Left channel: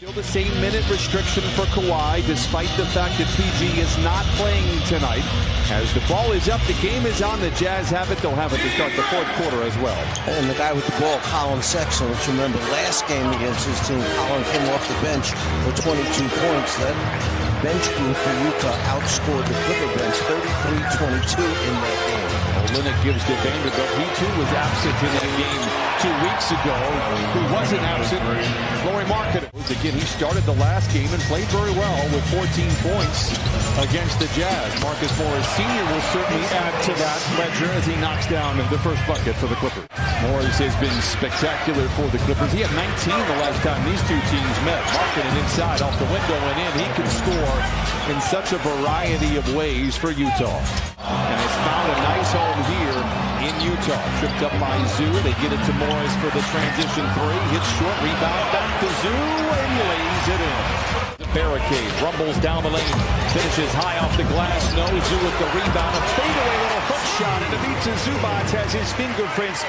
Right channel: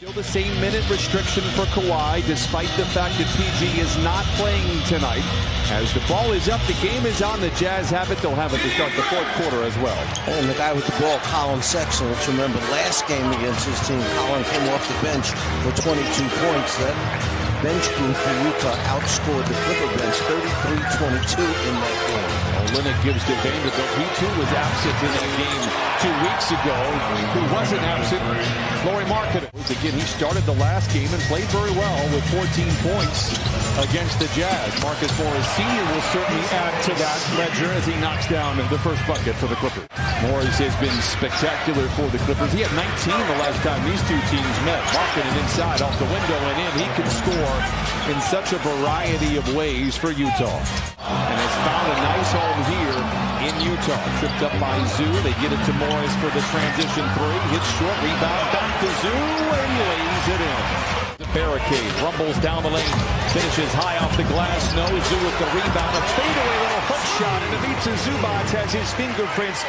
Still the same minute restriction for Kawhi, despite the fact that PG is not playing tonight. As the ball is up, the game is on. The Jazz have it. They'll have it to start the fourth quarter as well. And the guy with the ball, Colin Sexton, which remember last game against his team, Colin came off the bench for 22 points. That bench group for Utah outscored the Clipper bench 33-22 in that game. Olynyk gives to Vanderbilt. He too was absent in that game 2 weeks ago. Who wasn't absent? Lauri Markkanen. Again, he started the last game and played very well with 14 points against the Jazz. Marcus Morris Sr. will certainly add to that ledger as he knocks down the first bucket for the Clippers. Morris has been spectacular for the Clippers. He had 19 the last time these two teams met. Markkanen inside, off the window and in. He can score in such a variety of ways for Utah. And has found a nice home here in Utah. Tripped up by Zoo. They get it to Morris for the transition three. Hits short, rebound back to Zoo and lays it in. The barricade rumbles down the lane. Finishes high off the glass. No, Zoo with the rebound. A fadeaway little hook shot. And Ivica Zubac has his fingerprints.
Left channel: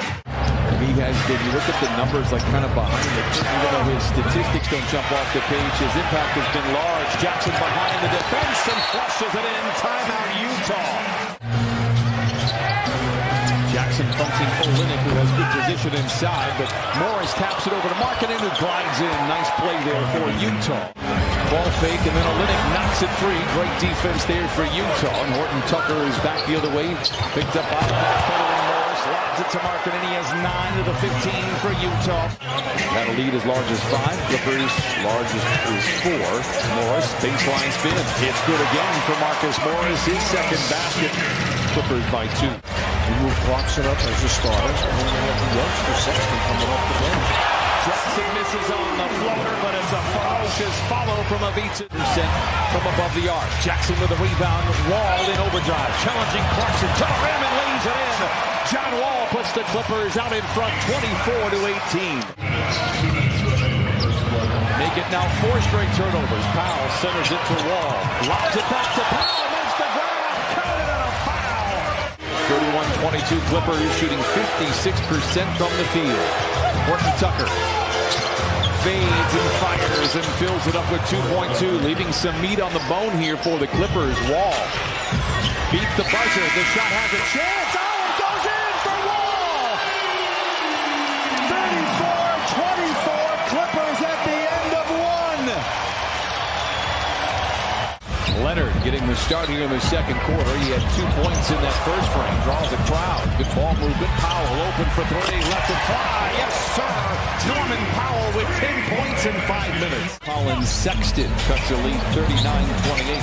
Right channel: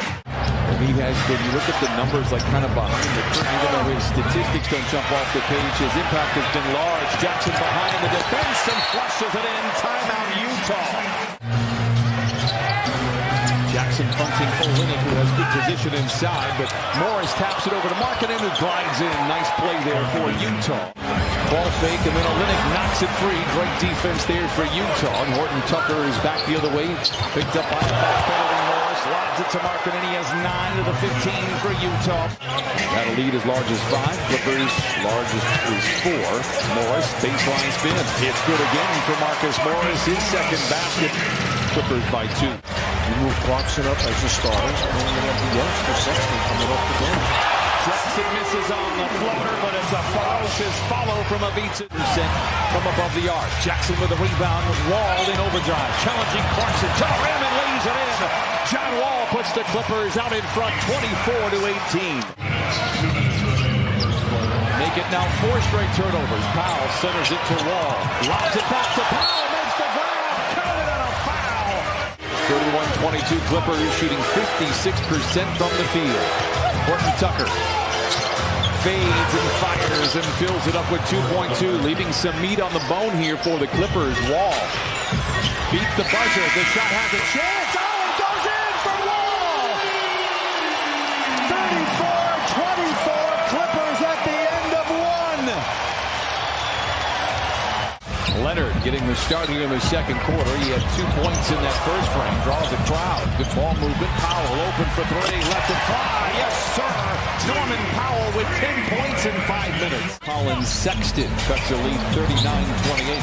And he has been, you look at the numbers like kind of behind the curtain, even though his statistics don't jump off the page, his impact has been large. Jackson behind the defense and flushes it in. Timeout Utah. Jackson fronting Olynyk, who has good position inside, but Morris taps it over to Markkanen, who glides in. Nice play there for Utah. Ball fake, and then Olynyk knocks it free. Great defense there for Utah. And Horton Tucker is back the other way. Picked up by a backpedaling Morris. Lobs it to Markkanen. He has 9 of the 15 for Utah. Had a lead as large as 5. Clippers largest is 4. Morris, baseline spin. It's good again for Marcus Morris. His second basket. Clippers by 2. You move Clarkson up as a starter, and then you have the youngster Sexton coming off the bench. Jackson misses on the floater, but it's a ferocious follow from Ivica. From above the arc. Jackson with a rebound. Wall in overdrive. Challenging Clarkson to the rim and lays it in. John Wall puts the Clippers out in front 24-18. Make it now 4 straight turnovers. Powell centers it to Wall. Lobs it back to Powell. Makes the grab. Counted on a foul. 31-22 Clippers shooting 56% from the field. Horton Tucker fades and fires and fills it up with 2.2, leaving some meat on the bone here for the Clippers. Wall beats the buzzer. The shot has a chance. Oh, it goes in for Wall. 34-24 Clippers at the end of 1. Leonard getting the start here in the second quarter. He had 2 points in that first frame. Draws a crowd. Good ball movement. Powell open for 3. Lets it fly. Yes, sir. Norman Powell with 10 points in 5 minutes. Colin Sexton cuts the lead 39-28.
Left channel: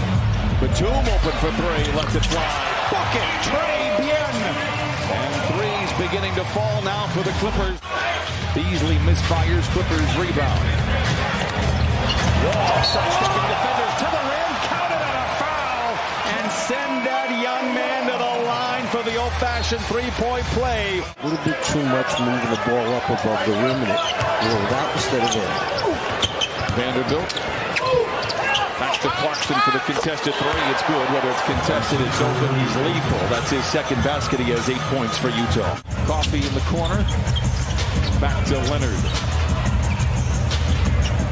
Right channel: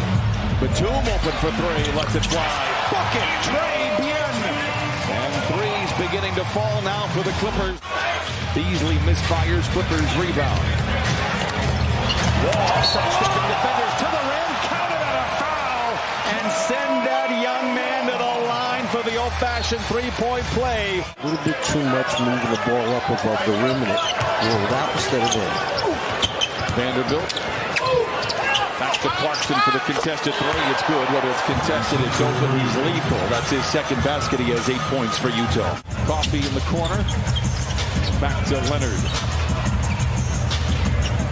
Batum open for 3. Lets it fly. Bucket. Trey Bien. And threes beginning to fall now for the Clippers. Beasley misfires. Clippers rebound. Wall sidestepping defenders to the rim. Counted on a foul. And send that young man to the line for the old-fashioned three-point play. A little bit too much moving the ball up above the rim and it rolled out instead of in. Vanderbilt. Back to Clarkson for the contested 3. It's good. Whether it's contested, it's open. He's lethal. That's his second basket. He has 8 points for Utah. Coffee in the corner. Back to Leonard.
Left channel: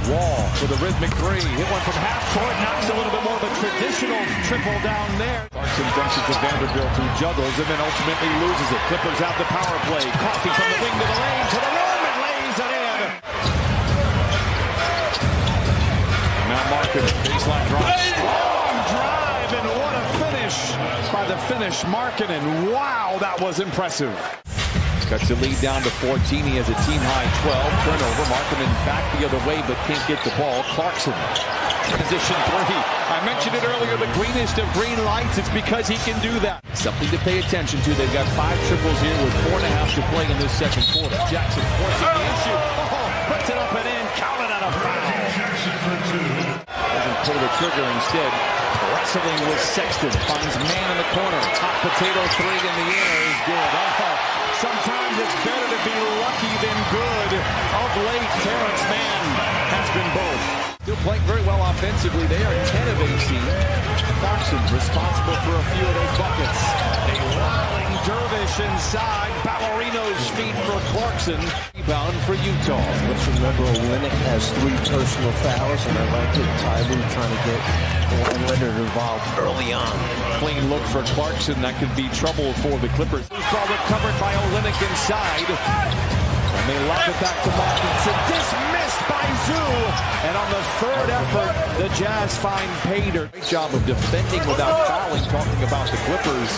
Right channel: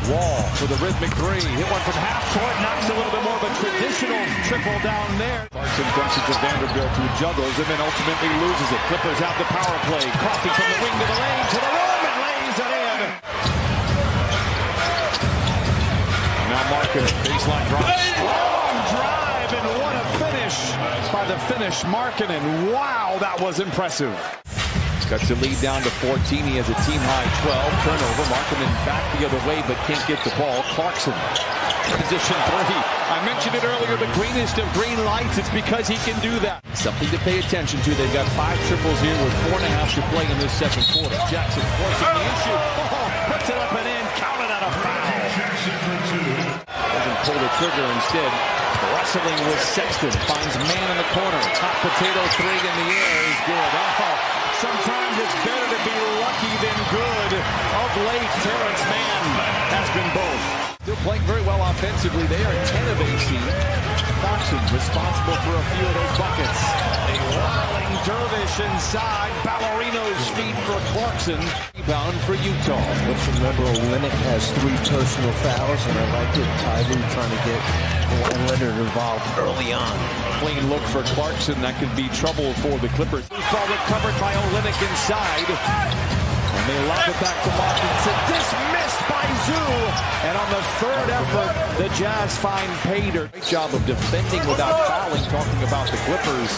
Wall for the rhythmic 3. Hit one from half court. Knocks a little bit more of a traditional triple down there. Clarkson dumps it to Vanderbilt, who juggles and then ultimately loses it. Clippers out the power play. Coffee from the wing to the lane to the rim and lays it in. Now Markkanen, baseline drive. Long drive, and what a finish by the Finnish Markkanen. Wow, that was impressive. Cuts the lead down to 14. He has a team-high 12. Turnover. Markkanen back the other way, but can't get the ball. Clarkson. Transition 3. I mentioned it earlier, the greenest of green lights. It's because he can do that. Something to pay attention to. They've got 5 triples here with 4.5 to play in this second quarter. Jackson forcing the issue. Oh, puts it up and in. Counted on a foul. Doesn't pull the trigger instead. Wrestling with Sexton. Finds man in the corner. Hot potato 3 in the air is good. Oh. Sometimes it's better to be lucky than good. Of late, Terrence Mann has been both. Still playing very well offensively. They are 10 of 18. Clarkson responsible for a few of those buckets. A whirling dervish inside. Ballerino's feet for Clarkson. Rebound for Utah. Let's remember Olynyk has 3 personal fouls, and I like it. Ty Lue trying to get Kawhi Leonard involved early on. Clean look for Clarkson. That could be trouble for the Clippers. Ball recovered by Olynyk inside. And they lob it back to Markinson. Dismissed by Zoo. And on the third effort, the Jazz find Pater. Great job of defending without fouling. Talking about the Clippers.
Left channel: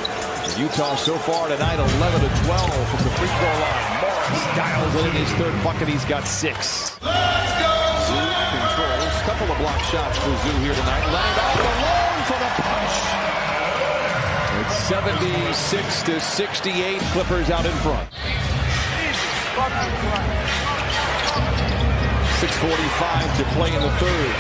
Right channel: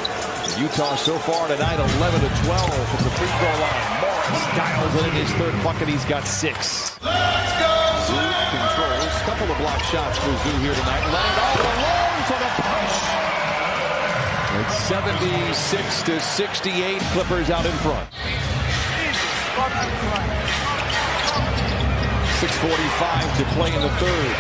Utah so far tonight, 11 of 12 from the free throw line. Morris dials it in his third bucket. He's got 6. Zoo controls. Couple of block shots for Zoo here tonight. Leonard all alone for the punch. It's 76 to 68. Clippers out in front. 6:45 to play in the third.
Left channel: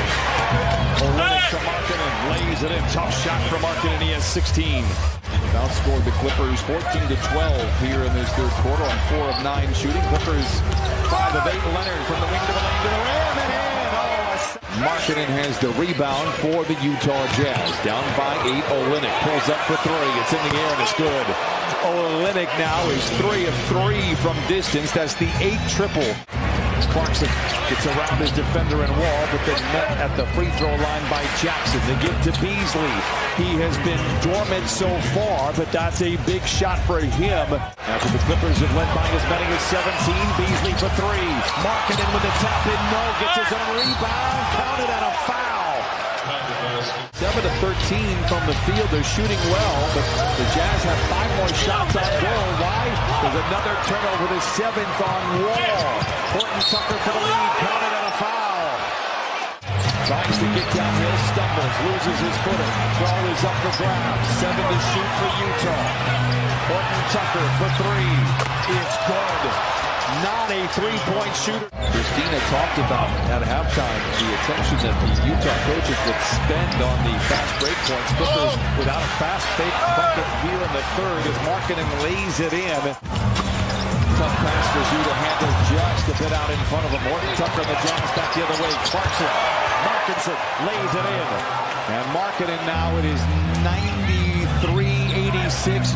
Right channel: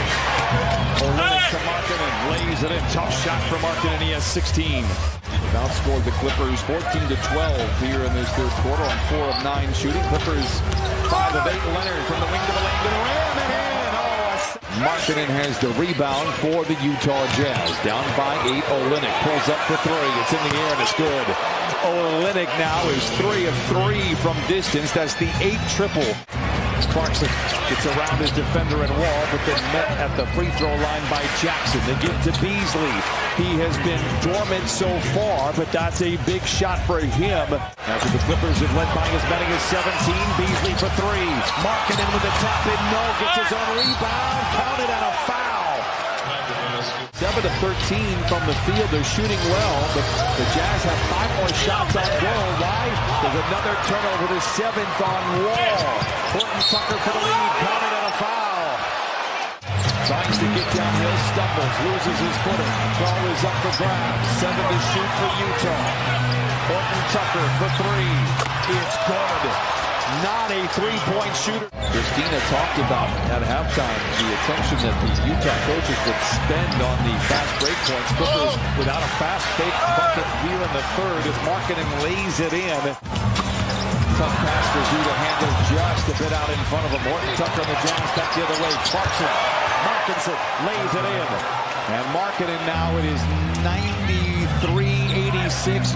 Olynyk to Markkanen, lays it in. Tough shot for Markkanen. He has 16. They've outscored the Clippers 14 to 12 here in this third quarter on 4 of 9 shooting. Clippers 5 of 8. Leonard from the wing to the lane to the rim and in. Markkanen has the rebound for the Utah Jazz. Down by 8. Olynyk pulls up for 3. It's in the air and it's good. Olynyk now is 3 of 3 from distance. That's the 8th triple. Clarkson gets around his defender and wall, but then met at the free throw line by Jackson. They give to Beasley. He has been dormant so far, but that's a big shot for him. After the Clippers have led by as many as 17, Beasley for 3. Markkanen with a tap in, no, gets his own rebound, counted and a foul. 7 of 13 from the field. They're shooting well, but the Jazz have 5 more shots on goal. Why? There's another turnover, the 7th on Wall. Horton Tucker for the lead, counted and a foul. Tries to get downhill, stumbles, loses his footing. Ball is up for grabs. 7 to shoot for Utah. Horton Tucker for 3. It's good. Not a 3-point shooter. Christina talked about at halftime the attention that the Utah coaches would spend on the fast break points. Clippers without a fast break bucket here in the third as Markkanen lays it in. Tough pass for Zoo to handle just a bit out in front of him. Horton Tucker and the Jazz back the other way. Clarkson, Markinson lays it in. And Markkanen now it is 93-86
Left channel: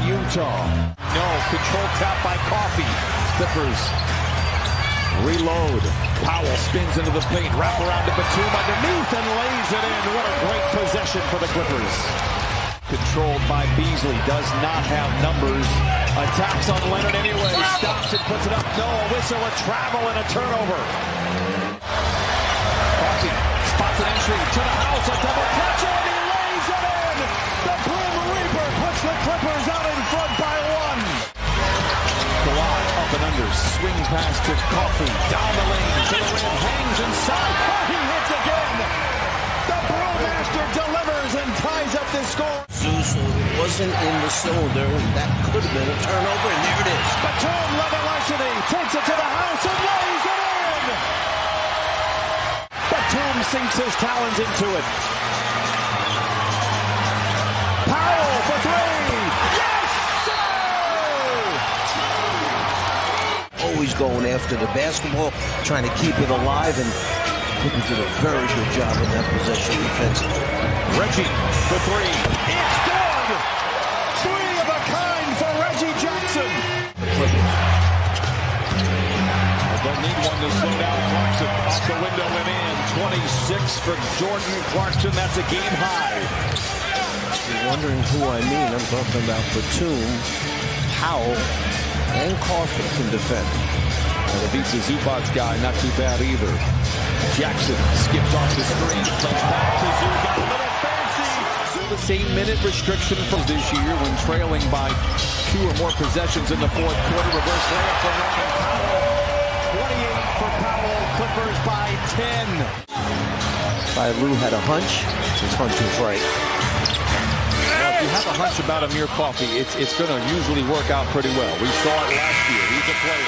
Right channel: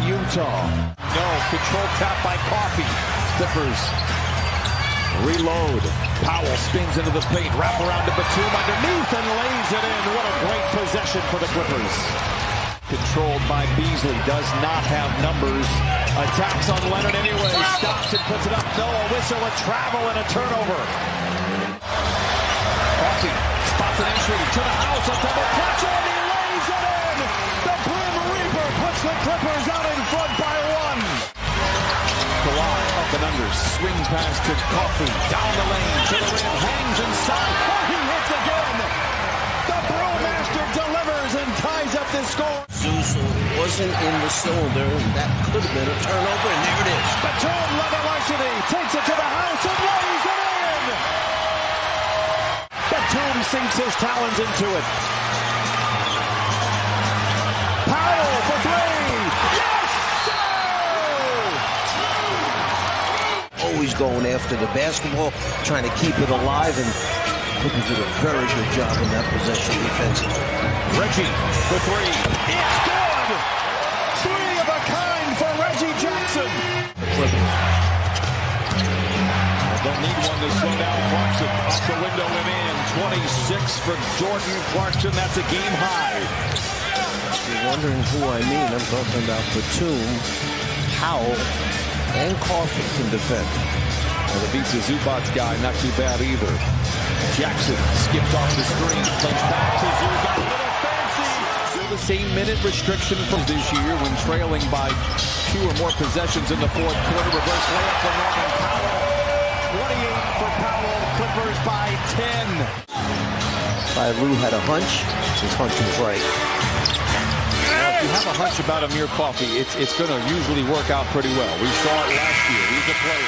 Utah. No, control tap by Coffey. Clippers reload. Powell spins into the paint. Wrap around to Batum underneath and lays it in. What a great possession for the Clippers. Controlled by Beasley. Does not have numbers. Attacks on Leonard anyway. Stops and puts it up. No, a whistle, a travel, and a turnover. Coffey spots an entry to the house. A double clutch and he lays it in. The Grim Reaper puts the Clippers out in front by 1. Kawhi up and under, swing pass to Coffey, down the lane, to the rim, hangs inside, oh, he hits again! The Brewmaster delivers and ties up this score. Zeus wasn't in the cylinder, and that could have been a turnover, and there it is. Batum Levelarshity takes it to the house and lays it in! Batum sinks his talons into it. Powell for 3! Yes! Always going after the basketball, trying to keep it alive, and Clippers did a very good job in that possession defensively. Reggie for 3. It's good! 3 of a kind for Reggie Jackson. The Clippers. They'll need one to slow down Clarkson. Off the window and in. 26 for Jordan Clarkson. That's a game high. If you're wondering who I mean, I'm talking about Batum, Powell, and Coffey can defend. And the beats the Zubats guy, not too bad either. Jackson skipped off the screen, plays back to Zoo, got a little fancy. Still the same minute restriction from this year when trailing by 2 or more possessions in the fourth quarter. Reverse layup for Norman Powell. 28 for Powell, Clippers by 10. Ty Lue had a hunch. His hunch was right. If you have a hunch about Amir Coffey, it's going to usually work out pretty well. We saw it last year. He's a player.